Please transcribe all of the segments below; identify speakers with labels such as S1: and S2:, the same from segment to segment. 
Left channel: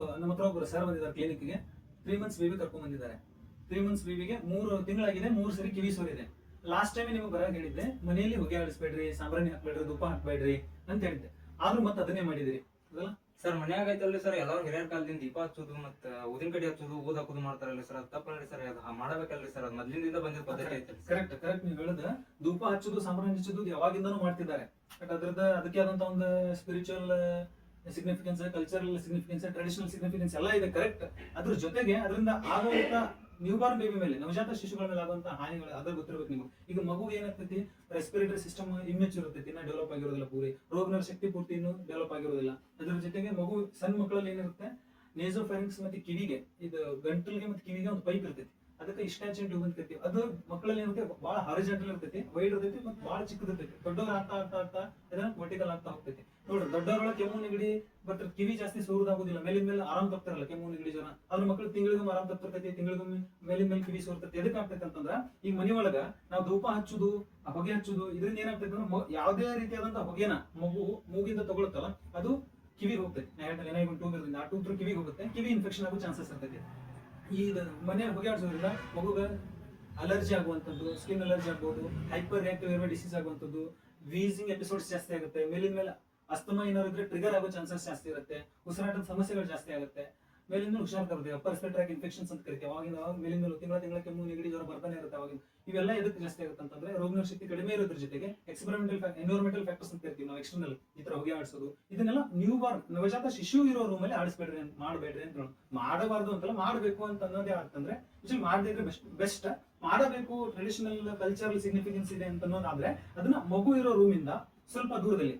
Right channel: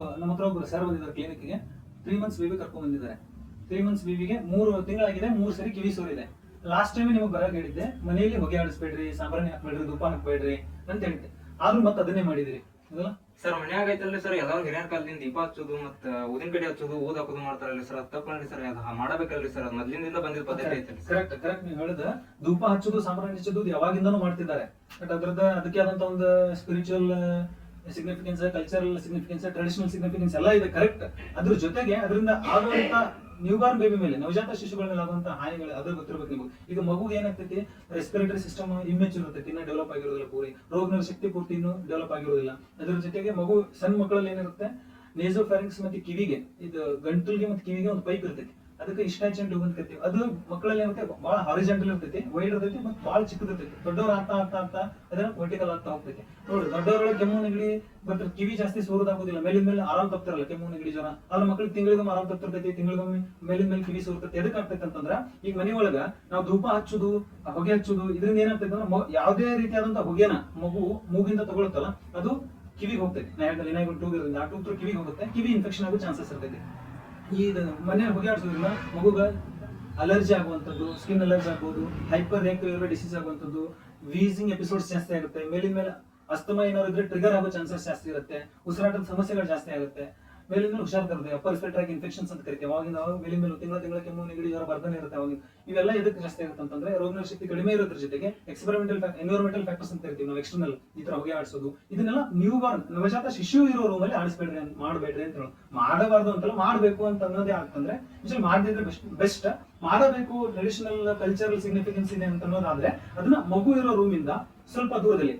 S1: ನಮ್ಮ ಹತ್ರ ಒಬ್ಬರು ಸರ್ ಬಂದಿದ್ದಾರೆ ಕ್ಲಿನಿಕ್ಗೆ ತ್ರೀ ಮಂತ್ಸ್ ಬೇಬಿ ಕರ್ಕೊಂಡ್ ಬಂದಿದ್ದಾರೆ. ತ್ರೀ ಮಂತ್ಸ್ ಬೇಬಿಗೆ ಮೂರು ತಿಂಗಳಾಗಿದೆ ಮೂರು ಸರಿ ಕಿವಿ ಸೋರಿದೆ. ಲಾಸ್ಟ್ ಟೈಮ್ ನಿಮಗೆ ಬರಕ್ ಹೇಳಿದ್ದೆ ಮನೆಯಲ್ಲಿ ಹೊಗೆ ಆಡಿಸ್ಬೇಡ್ರಿ ಸಾಂಬ್ರಾಣಿ ಹಾಕ್ಬೇಡ್ರಿ ತುಪ್ಪ ಹಾಕ್ಬೇಡ್ರಿ ಅಂತ ಹೇಳಿದ್ದೆ. ಆದ್ರೂ ಮತ್ತೆ ಅದನ್ನೇ ಮಾಡಿದಿರಿ ಅದಲ್ಲ?
S2: ಸರ್ ಮನ್ಯಾಗ ಐತಲ್ರಿ ಸರ್ ಎಲ್ಲಾರು ಹಿರಿಯರ ಕಾಲದಿಂದ ದೀಪ ಹಚ್ಚೋದು ಮತ್ತ ಊದಿನ ಕಡೆ ಹಚ್ಚೋದು ಓದ್ ಹಾಕೋದು ಮಾಡ್ತಾರಲ್ರಿ ಸರ್ ಅದು ತಪ್ಪಲ್ರಿ ಸರ್ ಅದ್ ಮಾಡಬೇಕಲ್ರಿ ಸರ್ ಮೊದ್ಲಿಂದ ಬಂದಿದ್ದ ಪದ್ಧತಿ ಐತಲ್ರಿ
S1: ಕರೆಕ್ಟ್ ಕರೆಕ್ಟ್ ನೀವು ಹೇಳಿದ. ದೂಪ ಹಚ್ಚೋದು ಸಾಂಬ್ರಾಣಿ ಹಚ್ಚೋದು ಯಾವಾಗಿಂದನೂ ಮಾಡ್ತಿದ್ದಾರೆ. ಬಟ್ ಅದ್ರದ್ದು ಅದಕ್ಕೆ ಆದಂತ ಒಂದು spiritual significance cultural significance traditional significance ಎಲ್ಲ ಇದೆ ಕರೆಕ್ಟ್ ಅದ್ರ ಜೊತೆಗೆ ಅದರಿಂದ ಆಗುವಂತ ನ್ಯೂಬಾರ್ನ್ ಬೇಬಿ ಮೇಲೆ, ನವಜಾತ ಶಿಶುಗಳ ಮೇಲೆ ಆಗುವಂತ ಹಾನಿಗಳು, ಅದ್ರ ಗೊತ್ತಿರಬೇಕು ನಿಮಗೆ. ಈಗ ಮಗುಗೆ ಏನಾಗ್ತೈತಿ? ರೆಸ್ಪಿರೇಟರಿ ಸಿಸ್ಟಮ್ ಇಮ್ಮೆಚೂರ್ ಇರ್ತೈತಿ, ಇನ್ನೂ ಡೆವಲಪ್ ಆಗಿರೋದಿಲ್ಲ ಪೂರಿ. ರೋಗನಿರೋಧಕ ಶಕ್ತಿ ಪೂರ್ತಿ ಇನ್ನೂ ಡೆವಲಪ್ ಆಗಿರೋದಿಲ್ಲ. ಅದ್ರ ಜೊತೆಗೆ ಮಗು ಸಣ್ಣ ಮಕ್ಕಳಲ್ಲಿ ಏನಿರುತ್ತೆ? ನೇಸೋ ಫ್ಯಾರಿಂಗ್ಸ್ ಮತ್ತೆ ಕಿವಿಗೆ, ಇದು ಗಂಟಲಿಗೆ ಮತ್ತೆ ಕಿವಿಗೆ ಒಂದು ಪೈಪ್ ಇರ್ತೈತಿ. ಅದಕ್ಕೆ ಇಷ್ಟಾಚನ್ ಟ್ಯೂಬ್ ಅಂತ ಕರಿತೀವಿ. ಅದು ಮಕ್ಕಳಲ್ಲಿ ಏನಂತೆ ಬಹಳ ಹಾರಿಜೆಂಟಲ್ ಇರ್ತೈತಿ ವೈಡ್ ಇರ್ತೈತಿ ಮತ್ತೆ ಬಹಳ ಚಿಕ್ಕದ ಇರ್ತೈತಿ ದೊಡ್ಡವ್ರು ಆಗ್ತಾ ಆಗ್ತಾ ಆಗ್ತಾ ಅದನ್ನ ವರ್ಟಿಕಲ್ ಆಗ್ತಾ ಹೋಗ್ತೈತಿ. ನೋಡ್ರಿ ದೊಡ್ಡವರ ಕೆಮ್ಮು, ನೆಗಡಿ ಬಟ್ ಕಿವಿ ಜಾಸ್ತಿ ಸೋರೋದಾಗೋದಿಲ್ಲ ಮೇಲಿನ ಮೇಲೆ ಆರಾಮ್ ತಪ್ತಿರಲ್ಲ ಕೆಮ್ಮು, ನೆಗಡಿ ಜ್ವರ. ಅವ್ರ ಮಕ್ಳಿಗೆ ತಿಂಗಳಿಗೊಮ್ಮೆ ಆರಾಮ್ ತಪ್ತಿರ್ತೈತಿ, ತಿಂಗಳಿಗೊಮ್ಮೆ ಮೇಲಿನ ಮೇಲೆ ಕಿವಿ ಸೋರ್ತೈತಿ. ಎದಕ್ಕೆ ಆಗ್ತೈತಿ ಅಂತಂದ್ರ ಈಗ ಮನೆ ಒಳಗ ನಾವು ಧೂಪ ಹಚ್ಚುದು, ಹೊಗೆ ಹಚ್ಚುದು, ಇದರಿಂದ ಏನಾಗ್ತೈತಿ ಅಂದ್ರೆ ಯಾವುದೇ ರೀತಿಯಾದಂತಹ ಹೊಗೆನ ಮಗು ಮೂಗಿಂದ ತಗೊಳುತ್ತಲ್ಲ, ಅದು ಕಿವಿಗೆ ಹೋಗ್ತೈತಿ. ನಾ ಹೇಳಿದ್ರೆ ಏನಾಗಿ ಟೂಬ್ ಇರೋದ್ರಿಂದ ಆ ಕಿವಿಗೆ ಹೋಗುತ್ತೆ. ಕಿವಿ ಇನ್ಫೆಕ್ಷನ್ ಆಗೋ ಚಾನ್ಸಸ್ ಇರ್ತೈತಿ. ಈ ಮನೆ ಹೊಗೆ ಆಡ್ಸೋದ್ರಿಂದ ಮಗುಗ ಅಲರ್ಜಿ ಆಗುವಂಥದ್ದು ಸ್ಕಿನ್ ಅಲರ್ಜಿ ಆಗ್ಬೋದು ಹೈಪರ್ ರಿಯಾಕ್ಟಿವ್ ಡಿಸೀಸ್ ಆಗುವಂಥದ್ದು ವೀಸಿಂಗ್ ಎಪಿಸೋಡ್ಸ್ ಜಾಸ್ತಿ ಆಗುತ್ತೆ, ಮೇಲಿನ ಮೇಲೆ ಅಸ್ತಮ ಏನಾದ್ರು ಇದ್ರೆ ಟ್ರಿಗರ್ ಆಗೋ ಚಾನ್ಸಸ್ ಜಾಸ್ತಿ ಇರುತ್ತೆ, ಉಸಿರಾಟದ ಸಮಸ್ಯೆಗಳು ಜಾಸ್ತಿ ಆಗುತ್ತೆ. ಮೇಲಿನ ಮೇಲೆ ಹುಷಾರ್ ಬರುತ್ತೆ ಅಪ್ಪರ್ ರೆಸ್ಪಿರೇಟರಿ ಇನ್ಫೆಕ್ಷನ್ಸ್ ಅಂತ ಕರಿತೀವಿ. ಅವಾಗಿಂದ ಅವಾಗ ಮೇಲೆ ತಿಂಗಳ ತಿಂಗಳ ಕೆಮ್ಮು, ನೆಗಡಿ ಜ್ವರ ಬರ್ತಾನೆ ಇರುತ್ತೆ ಅವಾಗ. ಇವೆಲ್ಲ ಎದಕ್ಕೆ ಜಾಸ್ತಿ ಆಗುತ್ತೆ ಅಂತಂದ್ರೆ ರೋಗನ ಶಕ್ತಿ ಕಡಿಮೆ ಇರೋದ್ರ ಜೊತೆಗೆ ಎಕ್ಸ್ಪೆರಿಮೆಂಟಲ್ ಎನ್ವಿರಾನ್ಮೆಂಟಲ್ ಫ್ಯಾಕ್ಟರ್ಸ್ ಅಂತ ಕರಿತೀವಿ ನಾವು ಎಕ್ಸ್ಟರ್ನಲ್ ಈ ತರ ಹೊಗೆ ಆಡಿಸೋದು. ಇದನ್ನೆಲ್ಲ ನ್ಯೂ ಬಾರ್ನ್ ನವಜಾತ ಶಿಶು ಇರೋ ರೂಮಲ್ಲಿ ಆಡಿಸ್ಬೇಡ್ರಿ ಅಂತ, ಮಾಡಬೇಡ್ರಿ ಅಂತ ಹೇಳೋದು. ಮಾಡಬಾರ್ದು ಅಂತಲ್ಲ ಮಾಡಬೇಕು ಅಂತ ಅನ್ನೋದೇ ಆಗ್ತಂದ್ರೆ ಯೂಶಲಿ ಮಾಡದಿದ್ರೆ ಬೆಸ್ಟ್ ಬೆಸ್ಟ್ ಮಾಡಬೇಕು ಟ್ರೆಡಿಷನಲ್ ಕಲ್ಚರಲ್ ಸಿಗ್ನಿಫಿಕೆನ್ಸ್ ಇದೆ ಅಂತ ಅನ್ನೋದಾದ್ರೆ, ಅದನ್ನ ಮಗು ಇರೋ ರೂಮಿಂದ ಸ್ವಲ್ಪ ದೂರದಲ್ಲಿ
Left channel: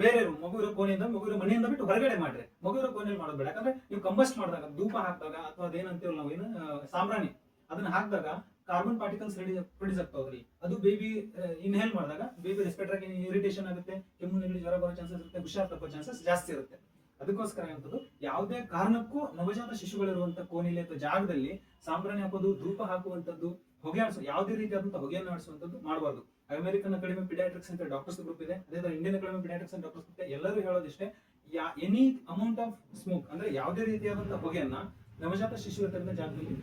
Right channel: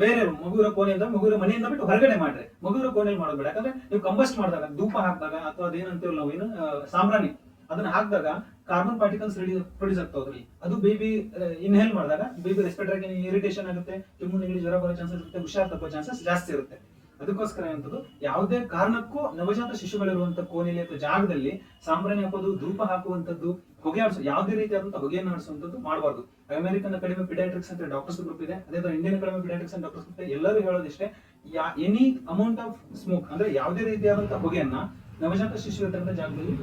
S1: ಬೇರೆ ಮಗುವಿನ ಕೋಣೆಯಿಂದ ಮಗು ಇರೋ ಮನೆಯಿಂದ ಬಿಟ್ಟು ಹೊರಗಡೆ ಮಾಡ್ರಿ. ಮಗು ಇರೋ ಕೋಣೆಯಲ್ಲಿ ಮಾಡೋದ್ಬೇಡ ಯಾಕಂದ್ರೆ ನೀವು ಕಂಬಸ್ಟ್ ಮಾಡಿದಾಗ, ಧೂಪ ಹಾಕಿದಾಗ ಅಥವಾ ಅದೇನಂತೀವಲ್ಲ ನಾವು ಏನು ಸಾಮ್ರಾಣಿ ಅದನ್ನ ಹಾಕಿದಾಗ ಕಾರ್ಬನ್ ಪಾರ್ಟಿಕಲ್ಸ್ ಪ್ರೊಡ್ಯೂಸ್ ಆಗ್ತಾವ ಅದ್ರಲ್ಲಿ. ಅದು ಬೇಬಿ ಇನ್ಹೇಲ್ ಮಾಡಿದಾಗ ಬೇಬಿ ರೆಸ್ಪಿರೇಟರಿ ಇರಿಟೇಷನ್ ಆಗುತ್ತೆ, ಕೆಮ್ಮು, ನೆಗಡಿ, ಜ್ವರ ಬರೋ ಚಾನ್ಸಸ್ ಇರುತ್ತೆ, ಹುಷಾರ್ ತಪ್ಪೋ ಚಾನ್ಸಸ್ ಜಾಸ್ತಿ ಇರುತ್ತೆ. ಅದಕ್ಕೋಸ್ಕರ ಏನಂತದ್ದು ಯಾವುದೇ ಕಾರಣಕ್ಕೂ ನವಜಾತ ಶಿಶುಗಳಿರುವಂತ ಕೋಣೆಯಲ್ಲಿ ಅಥವಾ ಜಾಗದಲ್ಲಿ ಸಾಂಬ್ರಾಣಿ ಹಾಕೋದು, ಧೂಪ ಹಾಕುವಂತದ್ದು, ಹೊಗೆ ಆಡಿಸೋ, ಯಾವುದೇ ರೀತಿಯಾದಂತಹ ಹೊಗೆಯನ್ನು ಆಡಿಸುವಂತದ್ದು ಮಾಡಬಾರ್ದು. ಅಮೆರಿಕನ್ ಅಕಾಡೆಮಿ ಪಿಡಿಯಾಟ್ರಿಕ್ಸ್ ಅಂತ ಡಾಕ್ಟರ್ಸ್ ಗ್ರೂಪ್ ಇದೆ. ಅದೇ ತರ ಇಂಡಿಯನ್ ಅಕಾಡೆಮಿ ಪಿಡಿಯಾಟ್ರಿಕ್ಸ್ ಅಂತ ಡಾಕ್ಟರ್ಸ್ ಗ್ರೂಪ್ ಎಲ್ಲರೂ ಹೇಳೋದಿಷ್ಟೇ ಎನಿ ಅಮೌಂಟ್ ಆಫ್ ಸ್ಮೋಕ್ ಅಂದ್ರೆ ಯಾವುದೇ ರೀತಿಯಾದಂತಹ ಹೊಗೆಯನ್ನ ನವಜಾತ ಶಿಶು ಇರತಕ್ಕಂಥ ಜಾಗದಲ್ಲಿ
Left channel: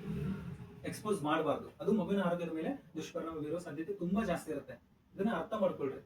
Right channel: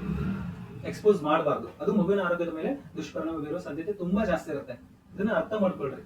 S1: ಎಕ್ಸ್ಪೋಸ್ ಮಾಡಬಾರ್ದು. ಅದು ಮಗುವಿನ ಆರೋಗ್ಯದ ಮೇಲೆ ದುಷ್ಪರಿಣಾಮ ಬೀರುವ ಸಾಧ್ಯತೆ ತುಂಬಾ ಜಾಸ್ತಿ ಇರುತ್ತೆ. ಇದನ್ನ ಅರ್ಥ ಮಾಡ್ಕೊಳ್ರಿ.